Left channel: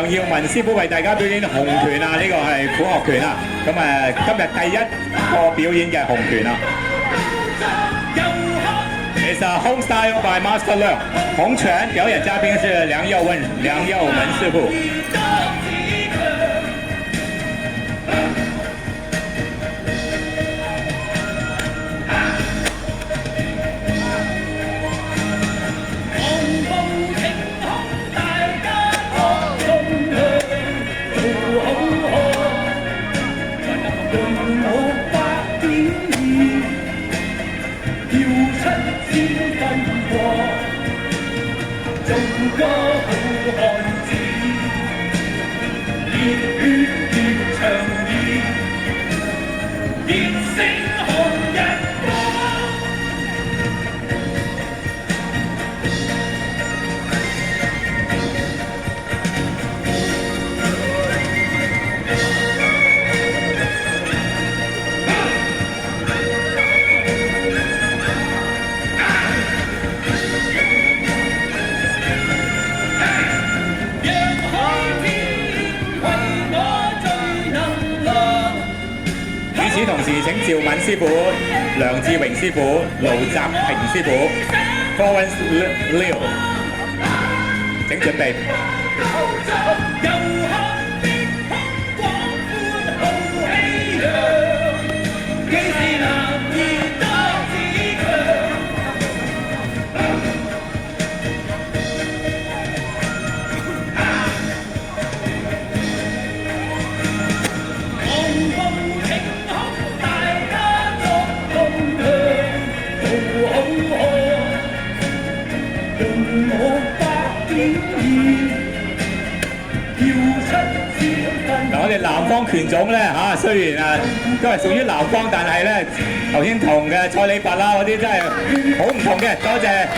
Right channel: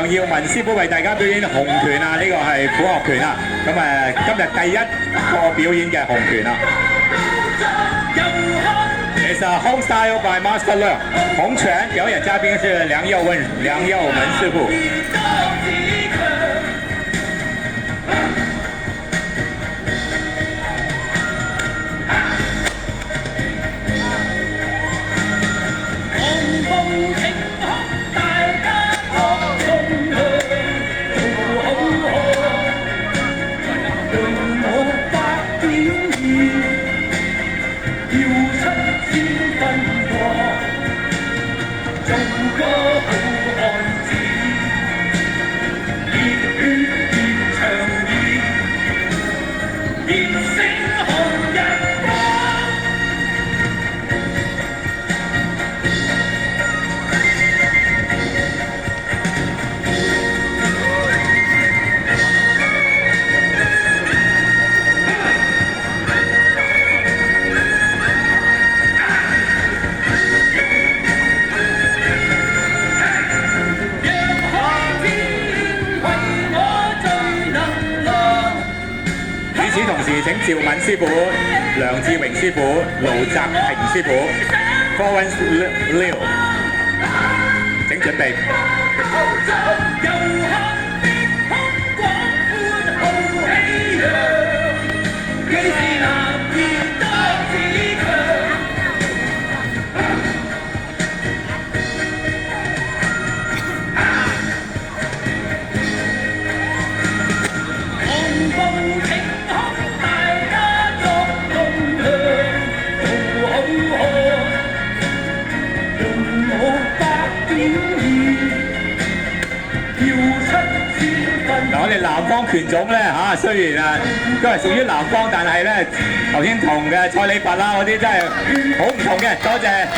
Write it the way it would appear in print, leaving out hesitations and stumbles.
梁耀文師傅為大家表演紅拳啊，呢、個係虎鶴拳啊。咁今日第一個表演嘅紅拳啊。It's a home style by Master Leung。紅拳表演嘉賓是梁耀文師傅。與此同時，請趙敏師傅、梁志榮師傅、盧澤平師傅 Florence Liu 請準備。我哋南方拳種咧嚇，雖然都係屬於南方，但係咧頭先同嘅蔡李拔啦嗰啲真係好唔同嘅。多謝